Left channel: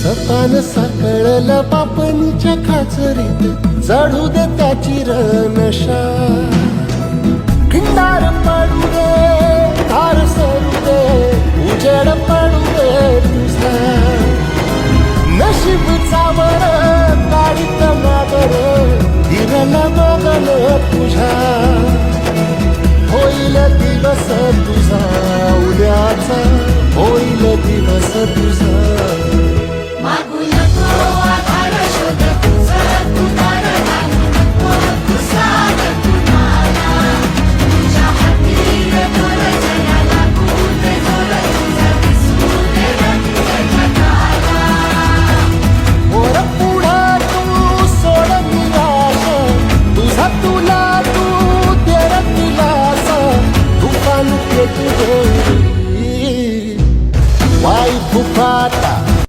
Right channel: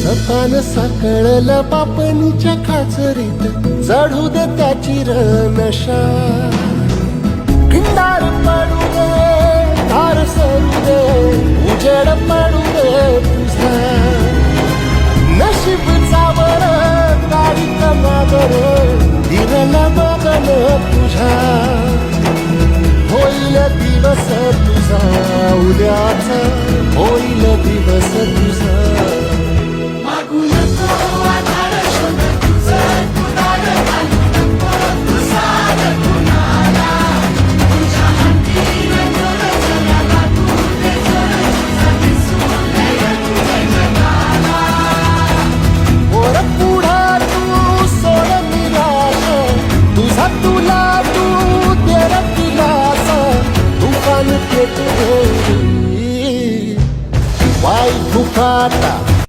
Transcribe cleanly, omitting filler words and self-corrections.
सपान साकळलं पापणीच्या खाचरीत चढू दे त्याची नशा खिंडार पडू दे धार सरू दे उजेड पडू दे तुझा नशीब चावळ काढीत मागर हिरल बगल तुझ्या होईल दिवस तुझा उद्याचा होईल दिवस तुझा तुला तू तेर दिलासा तुफान पेटू दे वाई फुफाटा